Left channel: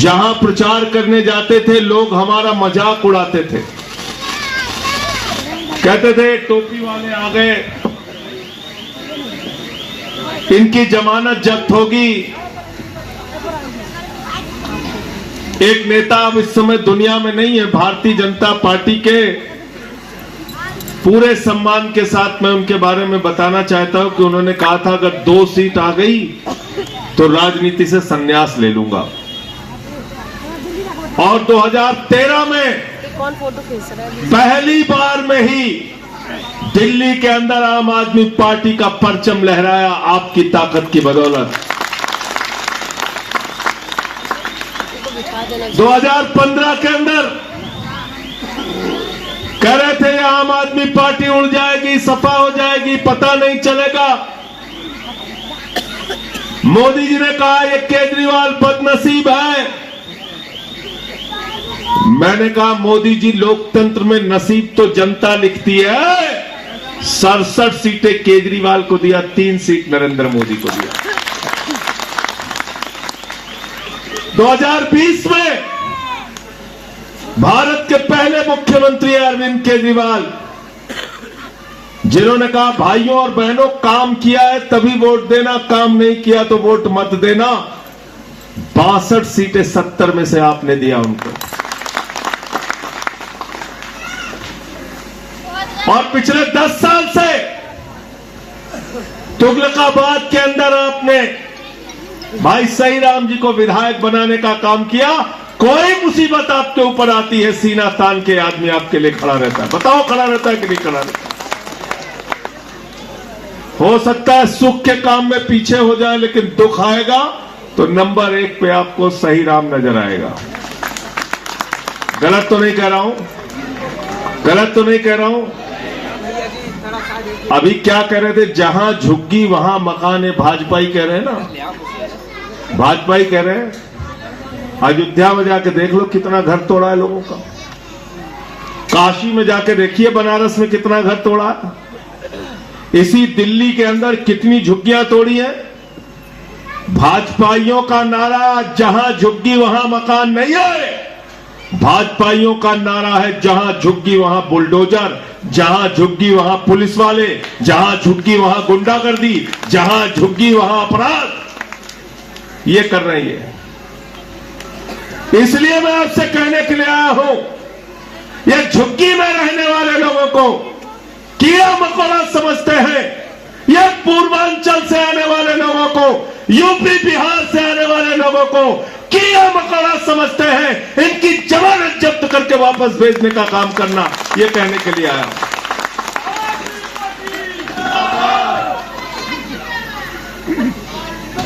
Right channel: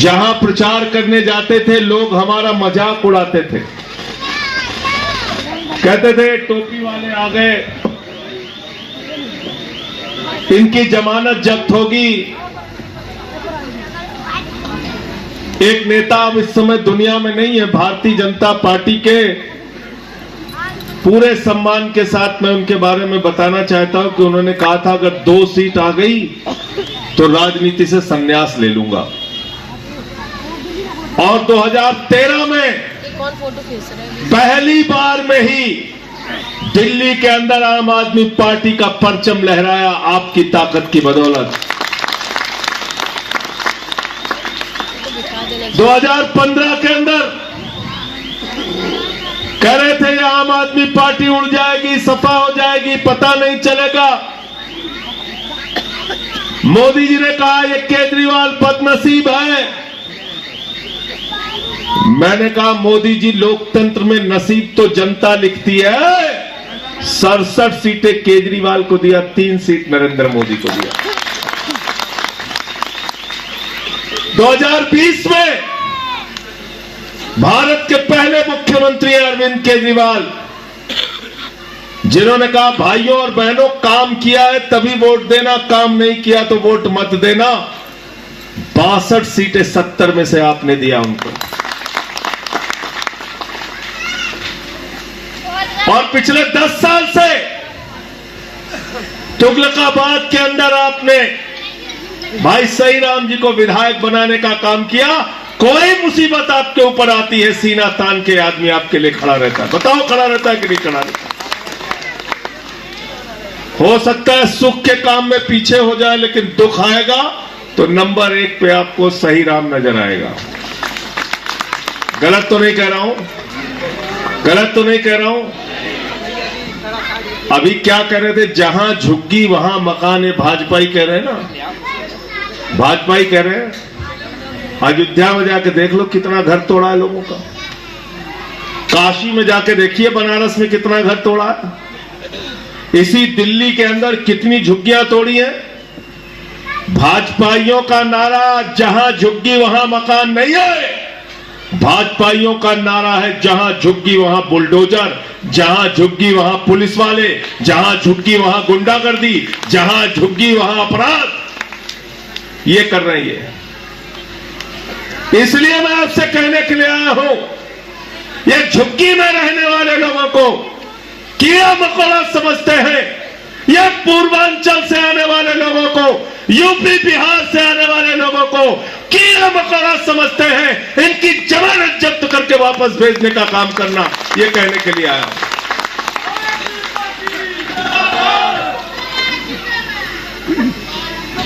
जहां प्रचार करने जाते थे लोग हमारा मजाक उड़ाते थे, कहते थे टोपी वाले आ गए, इनकी जमानत जब्त होगी। एक नेता अब इस समय दुनिया में नहीं है, भारतीय जनता पार्टी के पूरे सम्मान के साथ मैं उनके बारे में बताना चाहता हूं कि उन्होंने कहा था अगर 2 सीट आ गई तो राजनीति से संन्यास ले लूंगा। और 2013 में पहली बार में ही दिल्ली के अंदर आम आदमी पार्टी का परचम लहराया आपकी ताकत की बदौलत। 2015 के अंदर कह रहे थे आम आदमी पार्टी उड़ जाएगी, सफा हो जाएगी, पता नहीं चलेगा। मोदी जी ने कहा ये केजरीवाल बदनसीब है। मैंने कहा मोदी जी लोकतंत्र में नसीब तो जनता लिखती है। 67 सीटें केजरीवाल को दिया, 3 सीट नरेंद्र मोदी को दिया। 2020 में भारत के पहले मुख्यमंत्री अरविंद केजरीवाल, जिन्होंने कहा भाइयों और बहनों काम किया है तभी वोट देना, काम नहीं किया तो वोट मत देना। 62 सीटें 70 में से आपने दिया उनको। और पिछले 10 साल से तुगलकाबाद के अंदर आपने भाई सही राम जी को विधायक बनाने का काम किया। कोई मुसीबत आपके ऊपर आती है, सीना तान के आदमी आपके लिए खड़ा रहता है। बताओ खड़ा रहता है कि नहीं खड़ा रहता? हो सकता है सुख के काम में पीछे हो जाए, लेकिन दुख आएगा तो नंबर 1 पे आपको सही राम नजर आएगा। गलत तो नहीं कह रहा हूं, गलत तो नहीं कह रहा हूं। अभी क्या कह रहे थे, जहां झुग्गी वहां मकान है, भाजपा ही कह रहे हैं ना, भाजपा ही कह रहे हैं। अयोध्या में जाके देख लो कितना घर तोड़ा है लोगों का। काशी में जाके देखिए बनारस में कितना घर तोड़ा है। इसी दिल्ली के अंदर कितनी झुग्गियां तोड़ी हैं। भाजपाइयों का नारा जहां झुग्गी वहां मकान नहीं है। भाजपाइयों का नारा है जहां झुग्गी वहां बुलडोजर, जहां झुग्गी वहां पुलिस वाले, जहां झुग्गी वहां गुंडागर्दी, जहां झुग्गी वहां अपराध। ये कर रही है। इसलिए मैं आपसे कहने के लिए आया हूं, ये झुग्गी में रहने वाले लोगों को कीड़ा मकोड़ा समझते हैं। ये पूर्वांचल से आने वाले लोगों को, यूपी बिहार से आने वाले लोगों को कीड़ा मकोड़ा समझते हैं। इनकी जमानत जब्त करके वापस भेजने का काम करना, ये कहने के लिए आया हूं।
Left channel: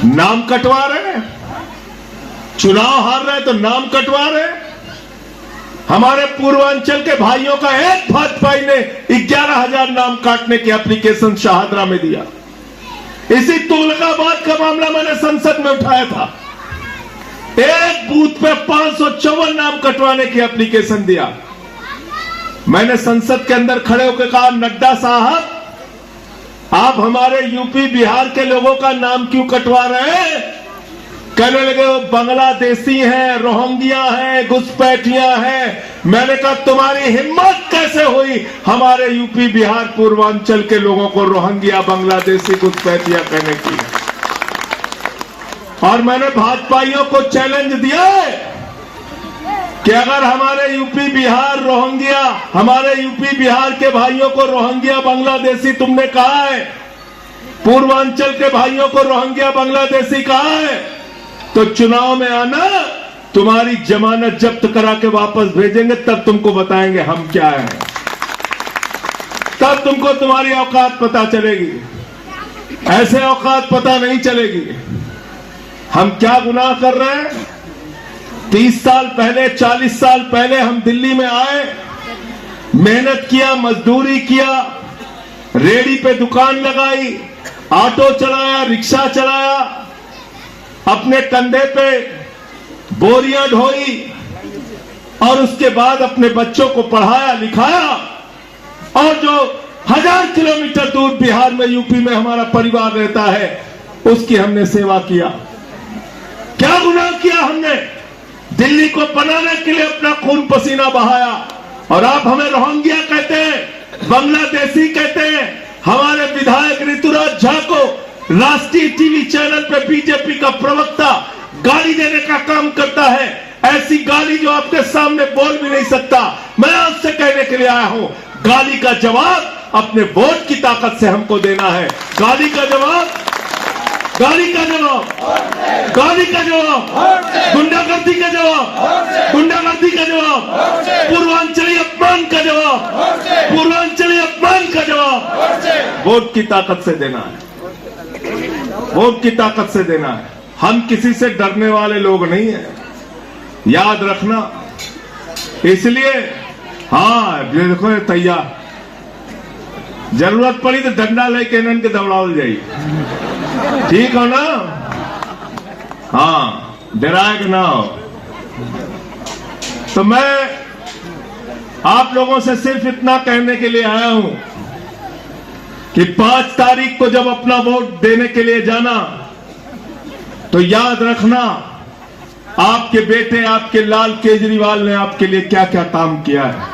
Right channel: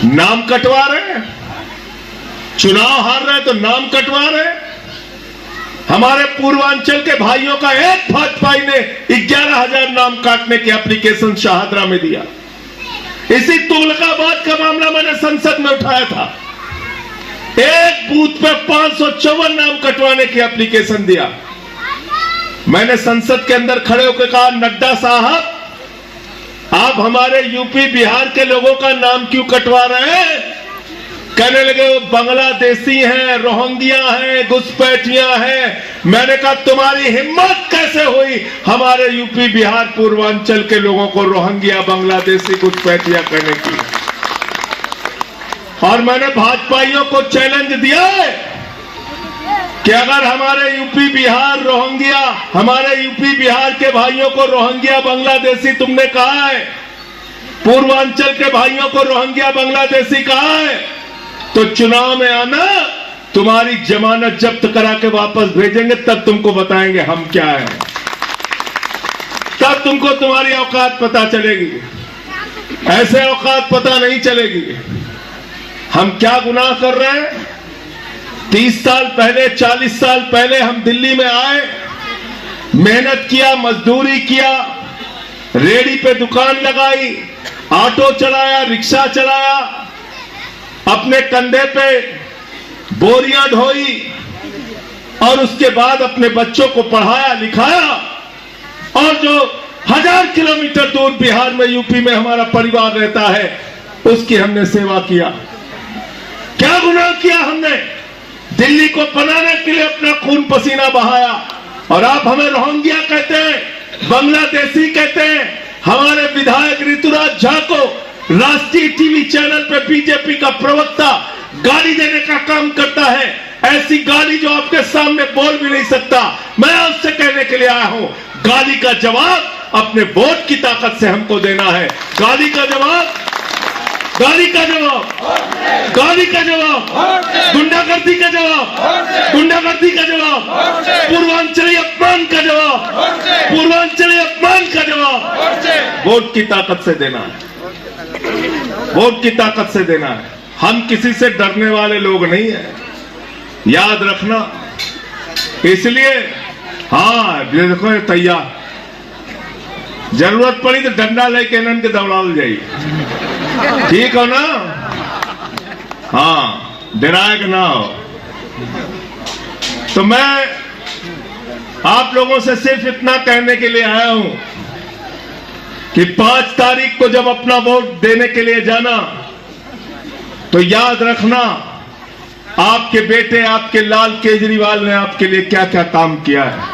नाम कटवा रहे हैं, चुनाव हार रहे हैं तो नाम कटवा रहे हैं। हमारे पूर्वांचल के भाइयों का एक भाजपाई ने 11,000 नाम काटने की एप्लीकेशन शाहदरा में दिया। इसी तुगलकाबाद का मामला मैंने संसद में उठाया था। एक बूथ पे 554 नाम कटवाने की एप्लीकेशन दिया। मैंने संसद के अंदर खड़े होकर कहा, नड्डा साहब आप हमारे यूपी बिहार के लोगों का नाम क्यों कटवा रहे हैं? कहने लगे वो बांग्लादेशी हैं, रोहिंग्या हैं, घुसपैठियां हैं। मैंने कहा तुम्हारी हिम्मत कैसे हुई हमारे यूपी बिहार पूर्वांचल के लोगों को रोहिंग्या, बांग्लादेशी, घुसपैठिया कहने की? और मैंने भाजपाइयों को चैलेंज दिया है कि अगर हमारे यूपी बिहार रोहिंग्या, हमारे यूपी बिहार के भाइयों को रोहिंग्या, बांग्लादेशी तुमने कहा है, पूर्वांचल के भाइयों को रोहिंग्या, बांग्लादेशी कहा है, तो चुनाव में आना, तुम्हारी जमानत जब्त करा के वापस भेजेंगे, तब तुमको बताएंगे हम क्या है। तब तुमको तुम्हारी औकात पता चलेगी। ऐसे औकात पता नहीं चलेगी। हम क्या गुनाह कर रहे हैं? 30 साल पहले, 40 साल पहले हम दिल्ली में आए, मेहनत किया, मजदूरी किया, रेहड़ी पे दुकान लगाई, ऑटो चलाया, रिक्शा चलाया, अपने कंधे पे बोरियां ढोई और उसके बाद अपने बच्चों को पढ़ाया लिखाया। और जो 1000 किलोमीटर दूर बिहार में, यूपी में हमारा परिवार रहता है, उसकी हमने सेवा किया। क्या गुनाह किया हमने? दिल्ली को बनाने के लिए अपना खून पसीना बहाया, और आप हमें रोहिंग्या कहते हैं, बांग्लादेशी कहते हैं। हमारे विधायक ऋतुराज झा को राष्ट्रीय टीवी चैनल पे बीजेपी का प्रवक्ता गाली देने का काम करता है, ऐसी गाली जो आपके सामने बोल भी नहीं सकता। मैं उससे कहने के लिए आया हूं, गाली का जवाब अपने वोट की ताकत से हमको देना है। गाली का जवाब, गाली का जवाब, गाली का जवाब, गुंडागर्दी का जवाब, गुंडागर्दी का जवाब, पूर्वांचली अपमान का जवाब, पूर्वांचली अपमान का जवाब वोट की ताकत से देना है, वोट की ताकत से देना है। हम किसी से डरने वाले लोग नहीं हैं, याद रखना। इसलिए हाँ, देखो तैयार, जरूरत पड़ी तो डंडा लेके इन्हन के दौड़ाल जाइए, ठीक हो ना? हाँ, डराए कि ना हो। तो मैं आप लोगों से सिर्फ इतना कहने के लिए आया हूं कि 5 तारीख को जब अपना वोट देने के लिए जाना, तो याद रखना आपके बेटे, आपके लाल केजरीवाल ने आपके लिए क्या क्या काम किया है।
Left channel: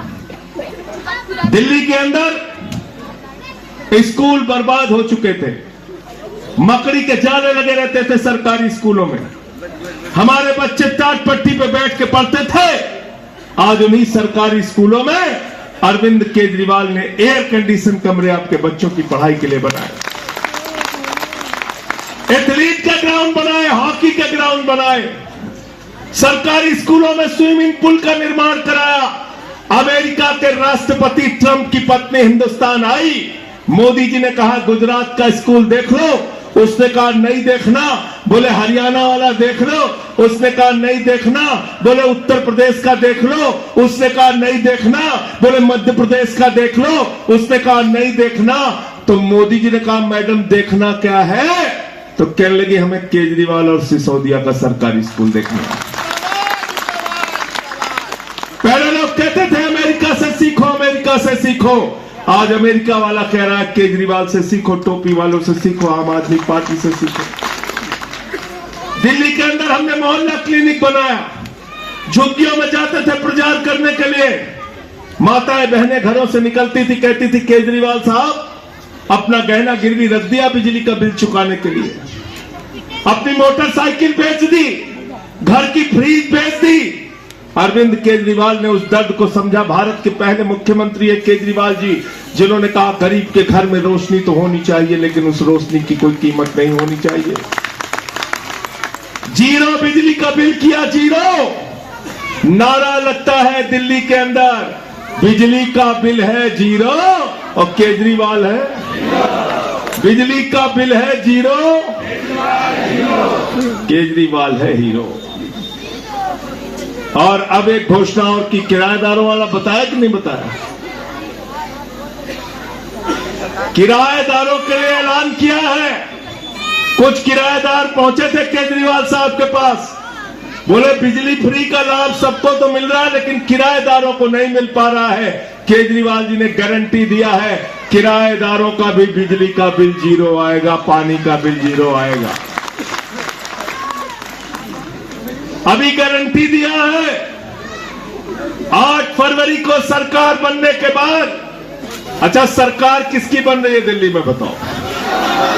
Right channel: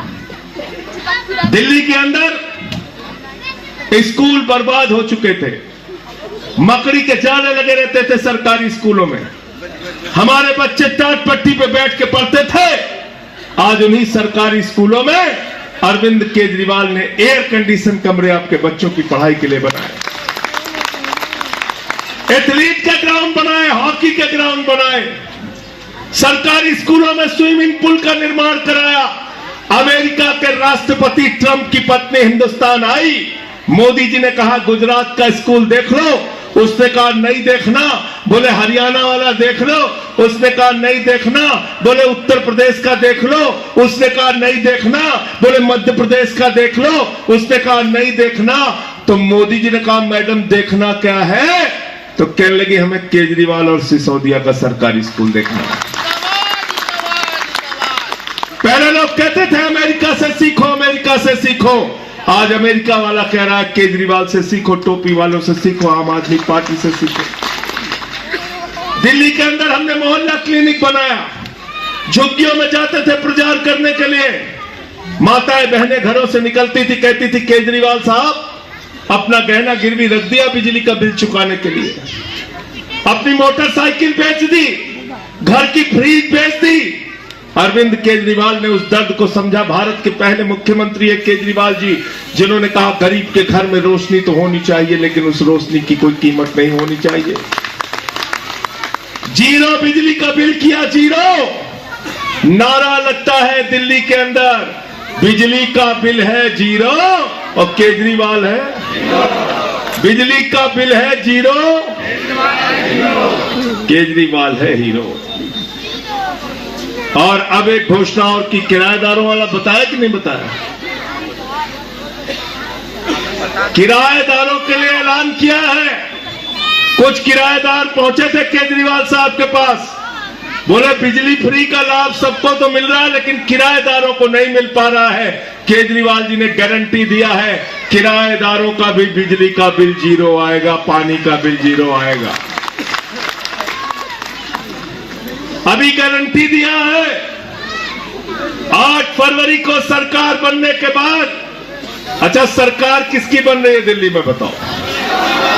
दिल्ली के अंदर स्कूल बर्बाद हो चुके थे, मकड़ी के जाले लगे रहते थे सरकारी स्कूलों में, हमारे बच्चे टाट पट्टी पे बैठ के पढ़ते थे। आज उन्हीं सरकारी स्कूलों में अरविंद केजरीवाल ने एयर कंडीशन कमरे आपके बच्चों की पढ़ाई के लिए बनाए, एथलीट के ग्राउंड बनाए, हॉकी के ग्राउंड बनाए, सरकारी स्कूलों में स्विमिंग पूल का निर्माण कराया। अमेरिका के राष्ट्रपति ट्रंप की पत्नी हिंदुस्तान आई, मोदी जी ने कहा गुजरात का स्कूल देख लो, उसने कहा नहीं देखना। बोले हरियाणा वाला देख लो, उसने कहा नहीं देखना। बोले उत्तर प्रदेश का देख लो, उसने कहा नहीं देखना। बोले मध्य प्रदेश का देख लो, उसने कहा नहीं देखना। तो मोदी जी ने कहा मैडम देखना क्या है? तो कहने लगी हमें केजरीवाल और सिसोदिया का सरकारी स्कूल देखना है। पहले लोग कहते थे अमेरिका से सीखो, अमेरिका से सीखो। आज अमेरिका वाला कह रहा है केजरीवाल से सीखो, टोपी वालों से सीखो, आम आदमी पार्टी से सीखो। दिल्ली के अंदर हमने मोहल्ला क्लिनिक बनाया, झुग्गियों में जाते थे प्रचार करने के लिए। माताएं बहनें घरों से निकलती थी, कहती थी केजरीवाल साहब अपना गहना गिरवी रख दिया बिजली का बिल चुकाने के लिए, अपनी मोटरसाइकिल बेच दी, घर की फ्रीज बेच दी। अरविंद केजरीवाल ने उस दर्द को समझा। भारत के पहले मुख्यमंत्री है केजरीवाल जी, जिन्होंने कहा गरीब के घर में रोशनी तो होनी चाहिए, लेकिन उस रोशनी की कोई कीमत नहीं होनी चाहिए। जीरो बिजली का बिल किया, जीरो। नारा लगता है दिल्ली के अंदर, बिजली का बिल है जीरो और केजरीवाल है। बिजली का बिल है जीरो, केजरीवाल है हीरो। और अब एक घोषणा और की, किराएदारों वाला बताया कि नहीं बताया? किराएदारों के लिए ऐलान किया है। कुछ किराएदार पहुंचे थे केजरीवाल साहब के पास, बोले बिजली फ्री का लाभ सबको तो मिल रहा है, लेकिन किराएदारों को नहीं मिल पा रहा है। केजरीवाल जी ने गारंटी दिया है किराएदारों का भी बिजली का बिल जीरो आएगा, पानी का बिल जीरो आएगा। अभी गारंटी दिया है। 8 फरवरी को सरकार बनने के बाद, अच्छा सरकार किसकी बन रही है दिल्ली में बताओ,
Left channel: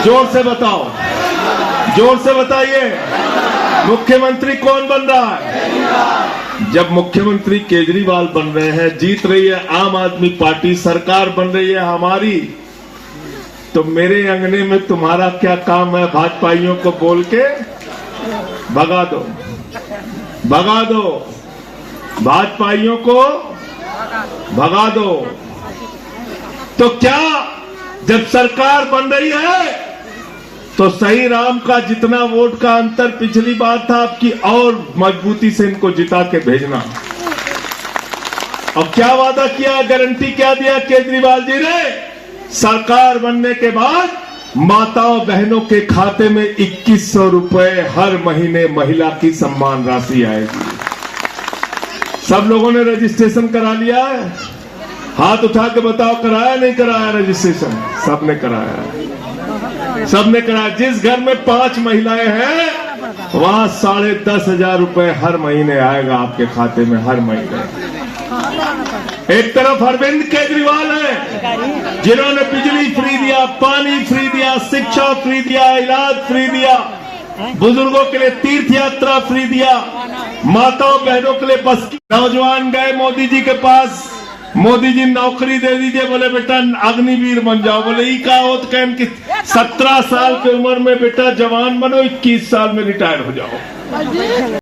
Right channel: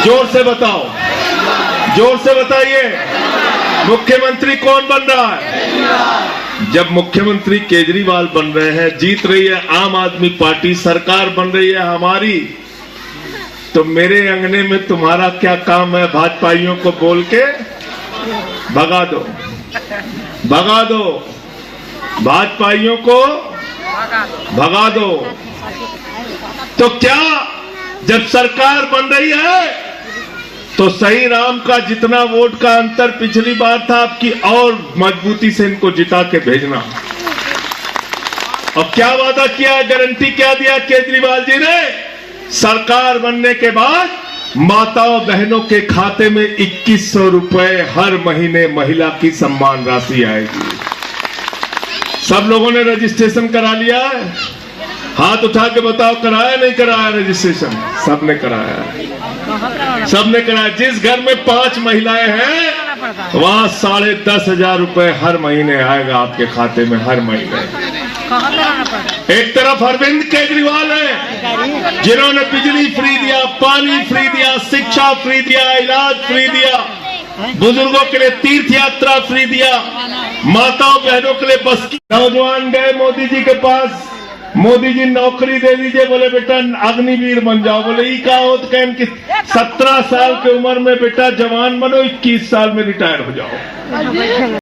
जोर से बताओ, जोर से बताइए। मुख्यमंत्री कौन बन रहा है? जब मुख्यमंत्री केजरीवाल बन रहे हैं, जीत रही है आम आदमी पार्टी, सरकार बन रही है हमारी, तो मेरे अंगने में तुम्हारा क्या काम है? भाजपाइयों को बोल के भगा दो, भगा दो, भाजपाइयों को भगा दो। तो क्या जब सरकार बन रही है तो सही राम का जितना वोट का अंतर पिछली बार था, आपकी और मजबूती से इनको जिता के भेजना। और क्या वादा किया, गारंटी क्या दिया केजरीवाल जी ने? सरकार बनने के बाद माताओं बहनों के खाते में 2100 रुपए हर महीने महिला की सम्मान राशि आएगी। सब लोगों ने रजिस्ट्रेशन करा लिया है? हाथ उठा के बताओ, कराया नहीं कराया रजिस्ट्रेशन? सबने कराया, सबने कराया। जिस घर में 5 महिलाएं हैं पड़ता है। वहाँ 10,500 रुपए हर महीने आएगा आपके खाते में, हर महीने। कहाँ पे रहना पड़ता है? एक तरफ अरविंद केजरीवाल है जिन्होंने बिजली फ्री दिया, पानी फ्री दिया, शिक्षा फ्री दिया, इलाज फ्री दिया, बुजुर्गों के लिए तीर्थ यात्रा फ्री दिया, माताओं बहनों के लिए बस की। नौजवान गए मोदी जी के पास, मोदी जी नौकरी दे दीजिए, बोले बेटा अग्निवीर बन जाओ। बोले ई का होत कहन कि 17 साल की उम्र में बेटा जवान बनो, 21 साल में रिटायर हो जाओ।